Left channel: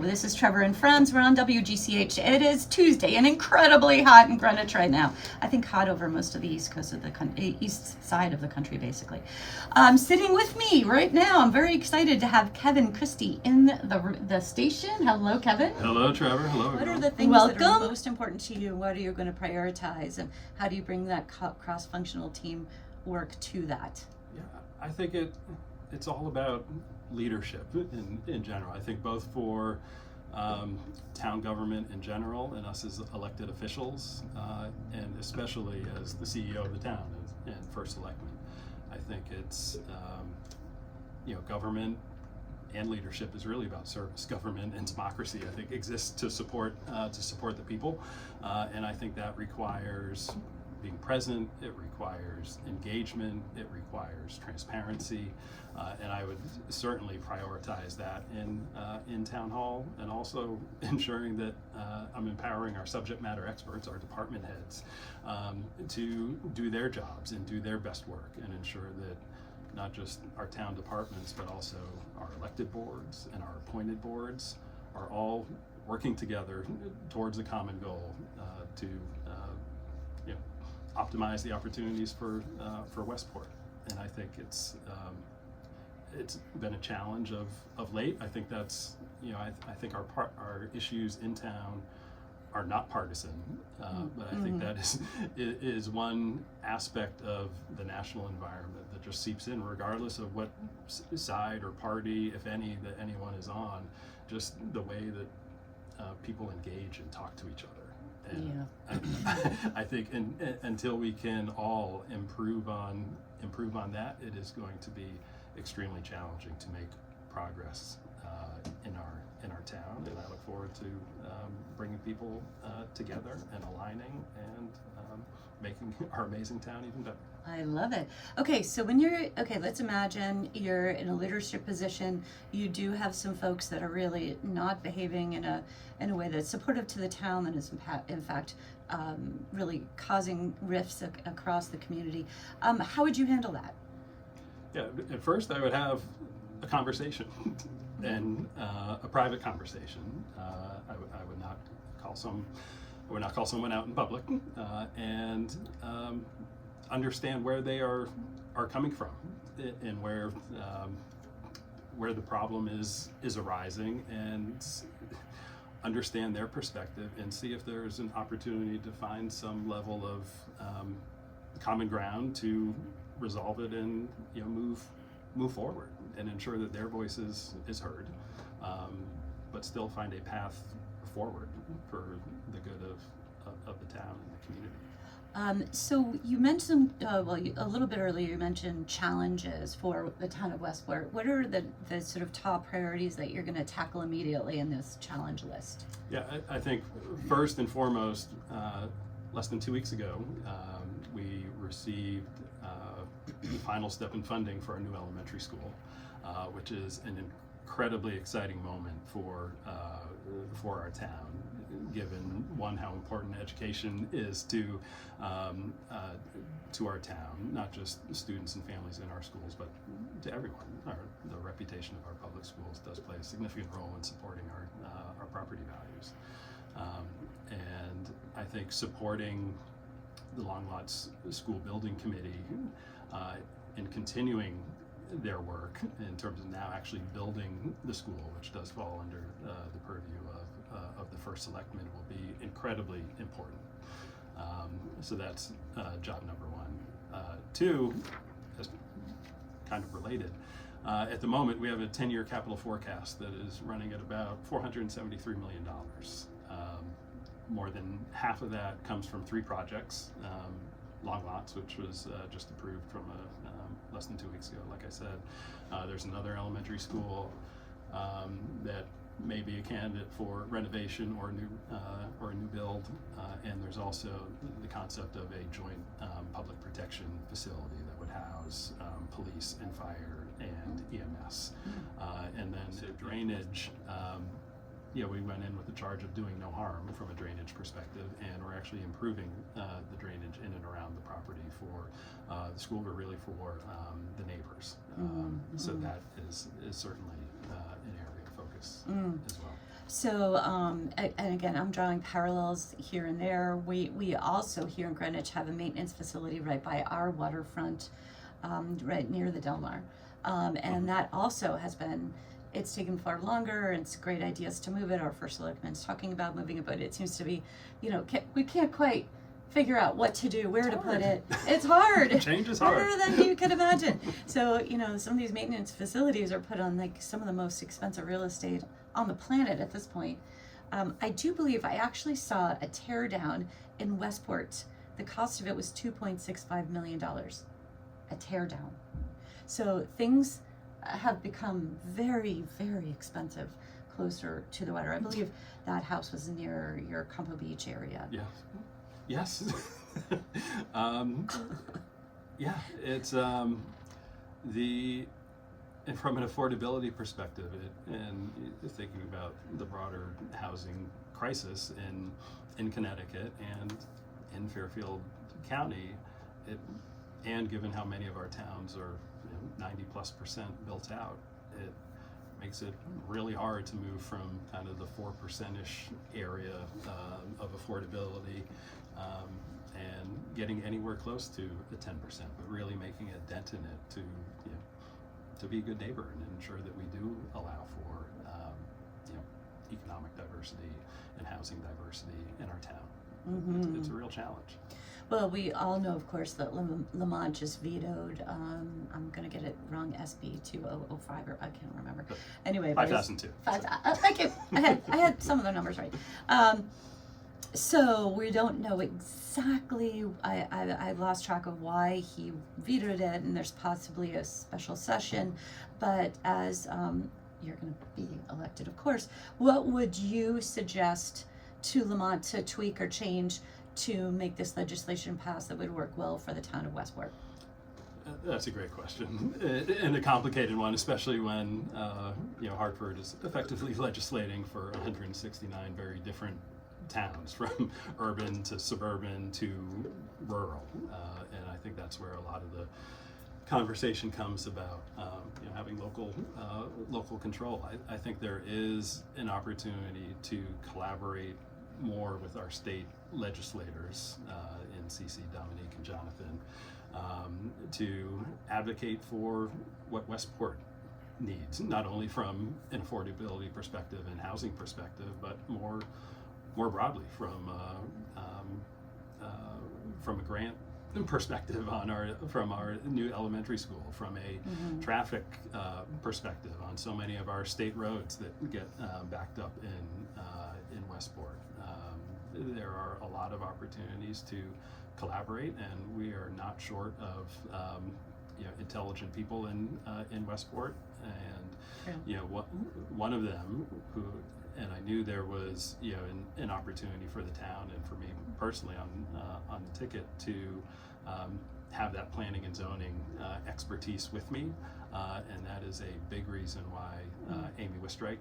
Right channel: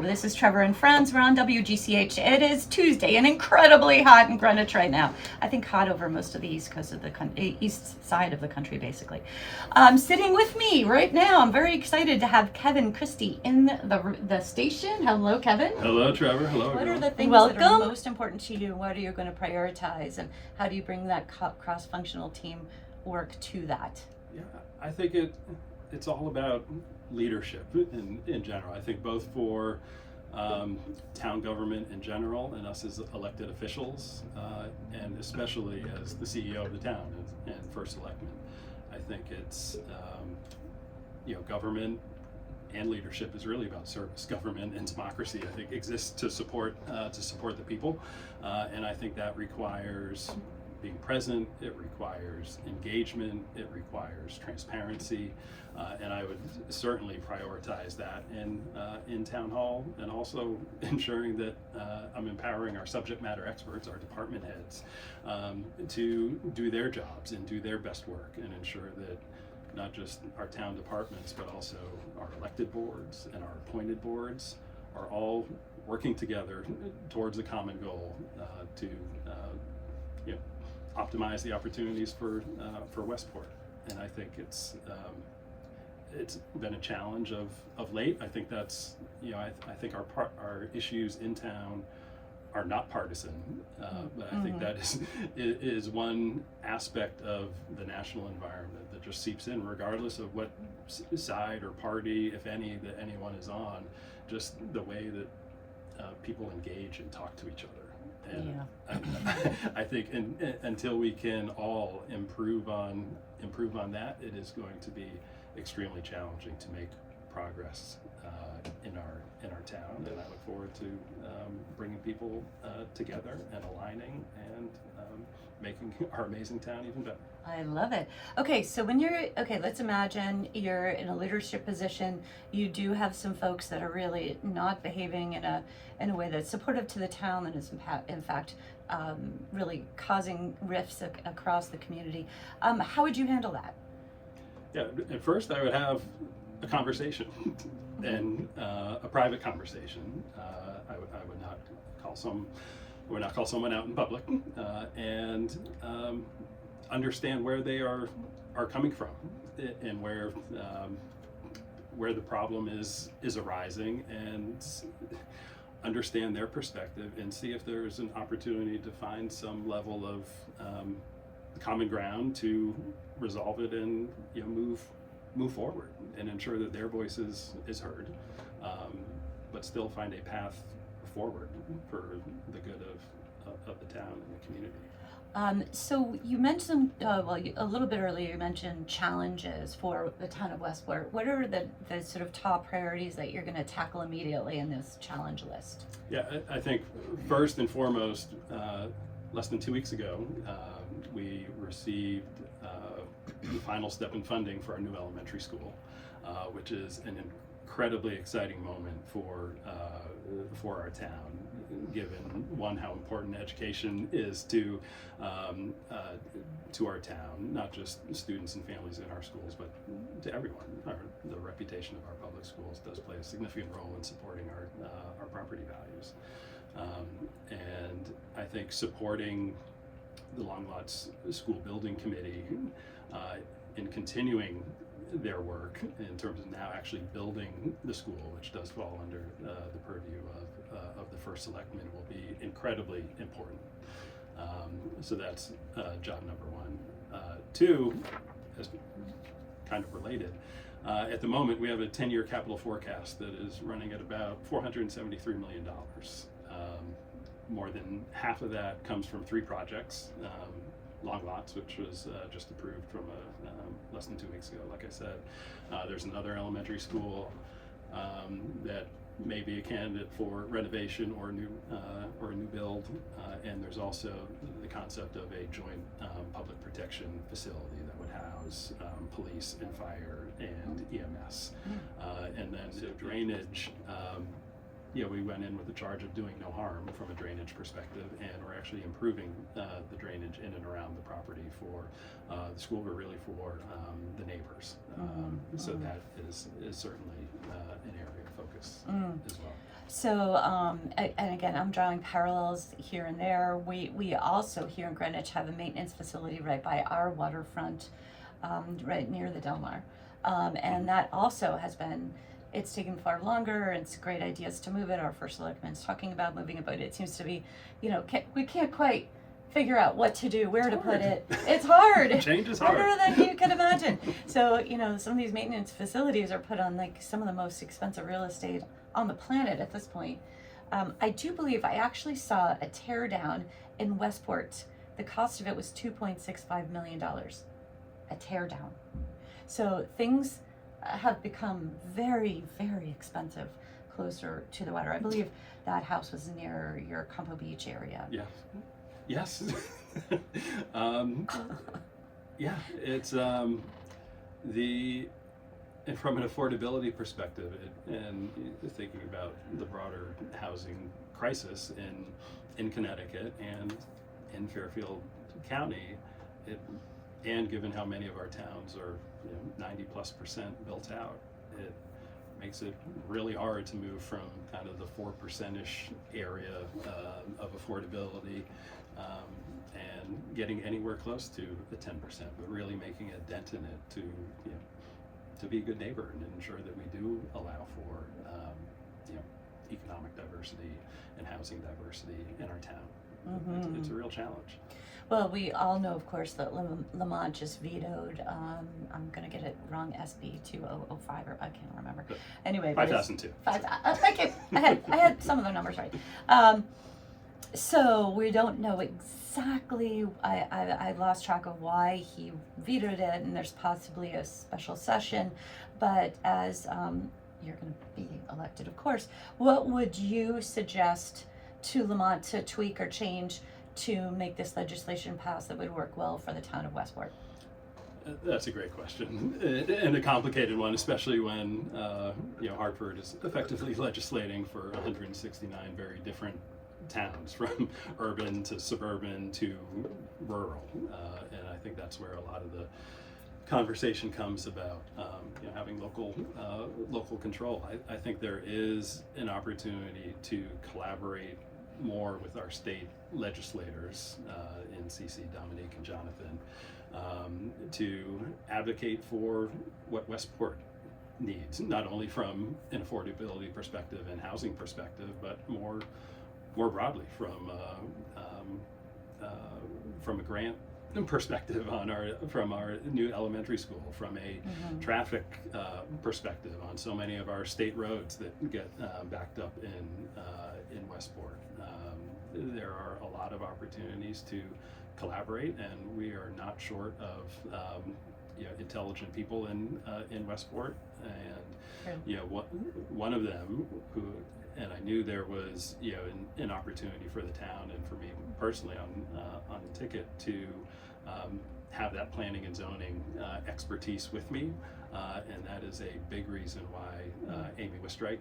Hello, this is Trevor and Friends. We're on WGCH. It is Tuesday and incredibly hot in Greenwich right now. I think hot over most of the east coast of the east side of the country, basically. Sitting with me right now, I'm very excited to have Kevin Christie in the station. Hello, Kevin. Hello, Trevor. Hello, What everyone. are the things that are most important to you? What are you going to prioritize, and how do you bring that cross-functional team work to that? Yeah, I think it's all about leadership in general. I think both for town government in general and us as elected officials, and especially as the CEO of the town and first selectman. I think it's government and leadership is really about service. Government and democracy, I think, exists to support the people, and I think that requires being present. It requires engagement. It requires transparency, and I would certainly prioritize that in town hall, and also ensuring that I'm empowering our subject matter experts, our department heads, to do their jobs and do their best work, and ensure that not just our town departments, but also our elected boards and our appointed boards are all working together towards a common goal to optimize the opportunities for Westport. And I think it's been a challenge of late. I think that's I think our issues in town are not partisan, but I think that is one aspect of the national environment that just seeps in, regardless of what side or party, if any, that anyone is on. Just the way that people engage and talk to each other. And I think until we can all improve on that, it is going to be extremely challenging to make progress in our town. And I look forward to bringing people together and aligning and making our amazing town even better. I love it. Okay, so let's imagine you're in a leadership position. You do have some folks that are really not behaving in a way that's supportive to the town, and is in fact really causing rifts across the community. How would you handle that? Yeah, at first I would have a conversation, and a private conversation. I would not call someone out in public, and understand where they are coming from, and where the problem is arising, and understand their perspective, and see if there's an opportunity to find some level of common ground to resolve it and move forward and ensure that their voice is heard, but still find a path forward for the good of the town and the community. So you mentioned, a little bit earlier, you mentioned challenges for the town of Westport. What are the sort of top priorities that you're going to tackle immediately in this challenge list? Yeah, I think first and foremost, less than 2 weeks ago, we received the final step in funding for our new elementary school, which is an incredibly exciting moment for our town, given one, how important education is to our town, not just students and families in our schools, but to everyone. The reputation of our public schools does play a significant role in supporting our property values, and I think supporting the Long Lots School Building Committee in continuing their work in terms of now actually building the school, which does fall under the purview of the first selectman, will be incredibly important. So that's job number one. Two, just kind of related, at the moment we have a 10-year capital forecast that is running at about $473 million. More than half of that comes from 3 projects. Long Lots, which was just approved from less than 2 weeks ago, like I said. There's another elementary school that may be a candidate for renovation or a new build, and there's also the concept of a joint public protection facility that would house police and fire and EMS. And then the drainage. We went in with the charge of doing no harm from a drainage perspective, and we're actually improving the drainage in and around the property for the school, but really for the neighbors. So that is certainly an area of focus as well. So, and again, I'm drawing parallels here and there. We also here in Greenwich have a maintenance facility right by our waterfront, right near the Del Mar. And that also has been, it's taken far longer. It's great ideas to move it. Our first selectman's talking about moving it, but it seems to be, we can't quite figure out what to do, where to put it. It's hard. Change is hard. Harder than you can imagine. So, some of these maintenance facilities are put on like some of the most expensive real estate on the planet at this point. I do believe I actually saw a tear down in Westport. The cost of it was $2.65 million. A tear down. So things have become very, very expensive closer to the water. I believe that house was near your Campo Beach area. Yeah. Yes. Yeah, it's and from an affordability perspective, and thinking about the broader housing crisis in Connecticut and in Fairfield County, and given how many of our towns are 90+% built out, it makes it really hard to move from kind of the 4%-ish area of affordability and getting anywhere close to the 10%, but really making a dent in it to be a good neighbor and ensure that we do allow for economic diversity and housing diversity in our town. Mm-hmm. It's a real challenge. Well, we all know, of course, that Lamont just vetoed, I'm going to get it wrong, SB 2005, or I can't remember. Anyway, 5002. Thank you. I had some of the numbers right. So we don't know exactly, I lost track of why he vetoed it, and there's possibly a special session, but as you're going to be elected, of course, what would you suggest to Lamont to tweak or change to make this legislation pass that would work well for the town of Westport? That's a great question, and a complicated one, especially when Hartford is effectively legislating for 169 very different towns, from urban to suburban to rural, and I think that's where a lot of the conversation comes about having local control. I think there is an opportunity to collaborate more with our state legislators in CC, Dominique, and Jonathan to advocate for what Westport needs, not only from an affordability perspective and housing perspective, but more broadly from a grant perspective from our new elementary school, from a traffic perspective on so many of our state roads that get backed up in Westport. There are a lot of opportunities to collaborate, and we are not short of intelligent people in Westport. And one of them who, and I knew there was an opportunity for the town and for me personally on the ticket to have that planning and zoning expertise with me, and that is a big reason why Amy Wistreich,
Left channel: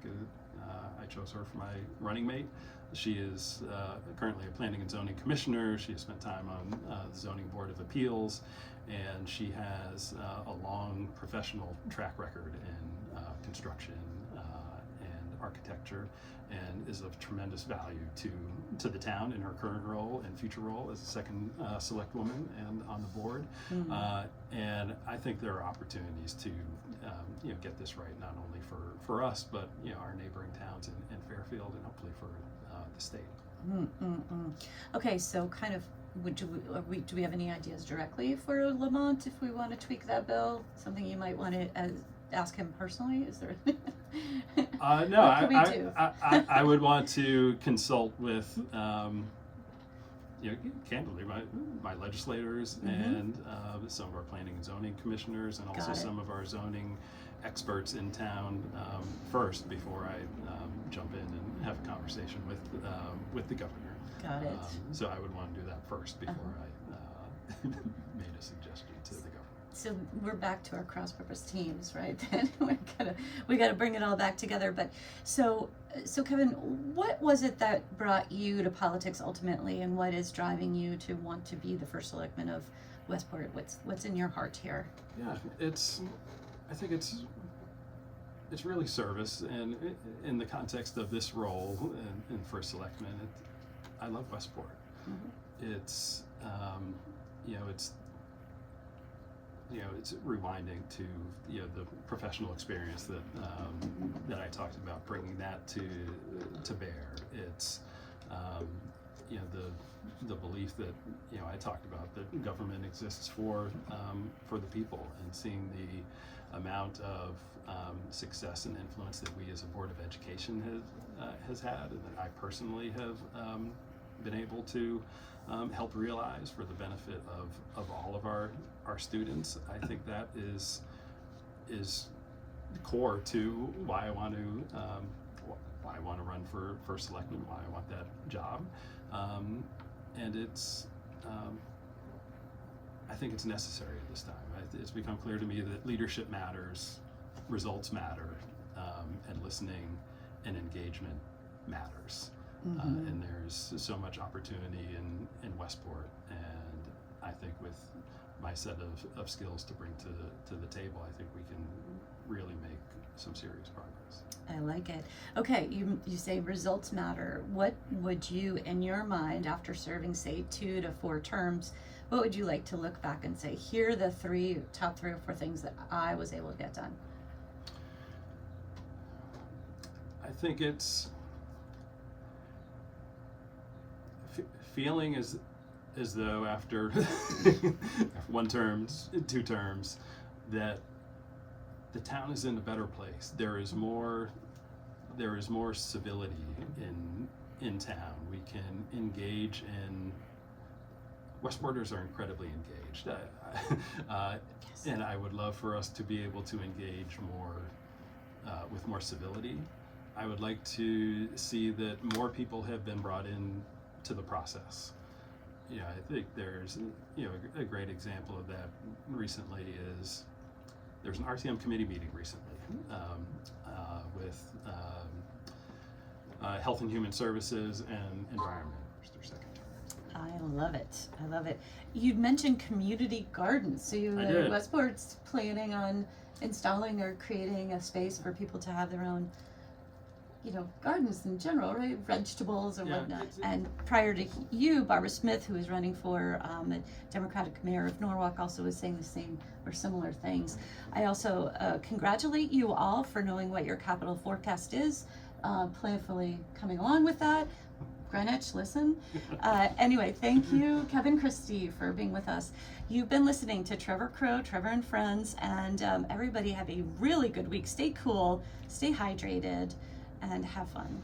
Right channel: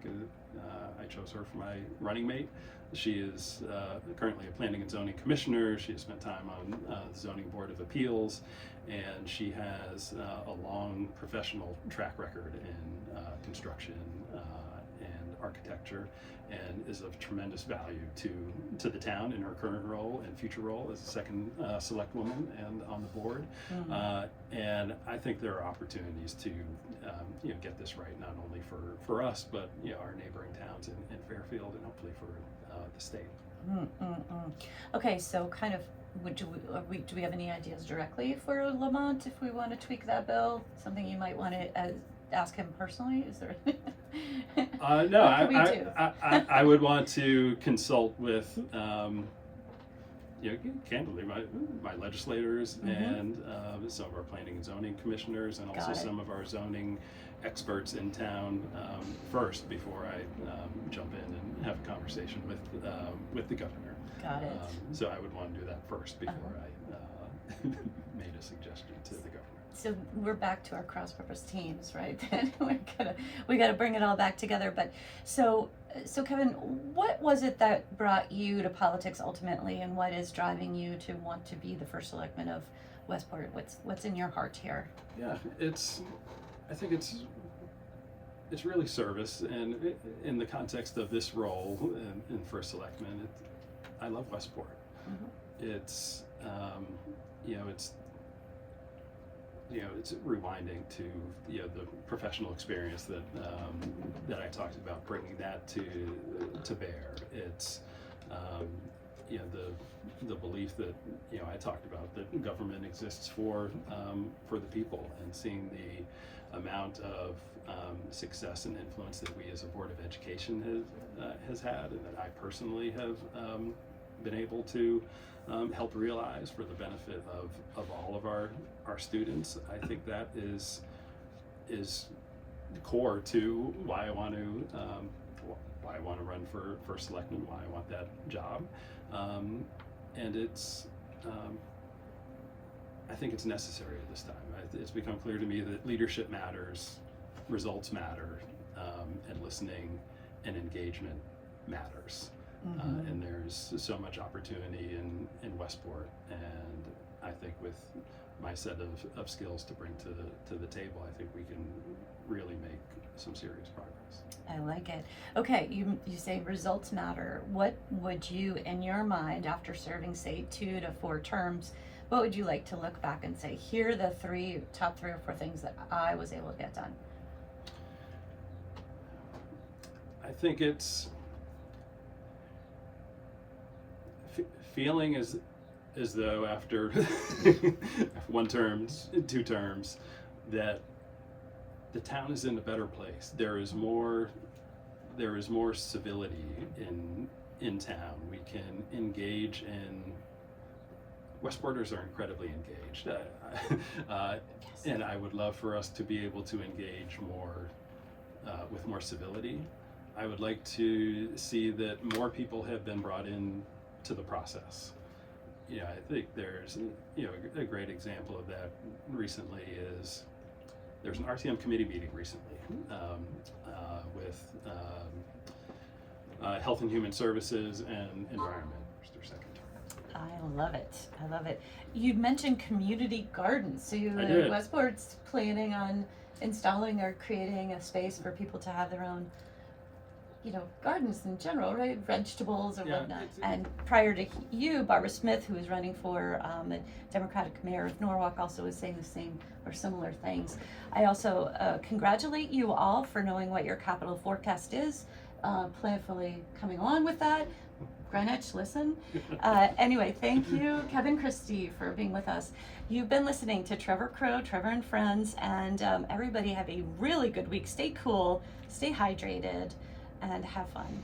I chose her for my running mate. She is currently a planning and zoning commissioner. She has spent time on the Zoning Board of Appeals, and she has a long professional track record in construction and architecture, and is of tremendous value to the town in her current role and future role as the second select woman and on the board. And I think there are opportunities to get this right, not only for us, but our neighboring towns in Fairfield, and hopefully for the state. Okay, so kind of, do we have any ideas directly for Lamont if we want to tweak that bill? Something you might want to ask him personally? Is there? No, I would want to consult with candidly my legislators and some of our planning and zoning commissioners, and also some of our zoning experts in town first, before I jump in and have a conversation with the governor. Got it. So I would want to do that first before I made a suggestion to the governor. So we're back to our cross-purpose teams, right? we gotta bring it all back together. But so Kevin, what was it that brought you to politics ultimately, and what is driving you to want to be the first selectman of Westport? What's in your heart here? Yeah, I think it's it's really service, and in the context of this role in first selectman, I love Westport. It's it's rewinding to the professional experience that I talked about, bringing that to bear. It's the belief that I talked about, that government exists for the people, and seeing the amount of success and influence that we as a Board of Education has had, and that I personally have been able to help realize for the benefit of all of our students. I think that is core to why I want to run for selectman, why I want that job, and it's I think it's necessary at this time. It's become clear to me that leadership matters, results matter, and listening and engagement matters. And there's so much opportunity in Westport, and I think with my set of skills to bring to the table, I think we can really make some serious progress. I like it. Okay, you say results matter. What would you, in your mind, after serving, say, 2 to 4 terms, what would you like to look back and say, here are the top 3 or 4 things that I was able to get done? I think it's feeling as though after 1 term, 2 terms, that the town is in a better place. There is more civility in town. We can engage in. Westporters are incredibly engaged, Yes. and I would love for us to be able to engage more with more civility. I would like to see that more people have been brought in to the process. I think there's a great example of that recently is there's an RTM committee meeting recently with Health and Human Services and Environment. Where's their second term? I love it. I love it. You mentioned community gardens. So Westport's planning on installing or creating a space for people to have their own, gardens in general, right? Vegetables or whatnot. And prior to you, Barbara Smith, who is running for the Democratic Mayor of Norwalk, also was saying the same or similar things. I also congratulate you all for knowing what your capital forecast is, planfully coming along with that. Greenwich, listen. Anyway, thank you, Kevin Christie, for being with us. You've been listening to Trevor Crow, Trevor and Friends, and everybody have a really good week. Stay cool, stay hydrated, and have fun.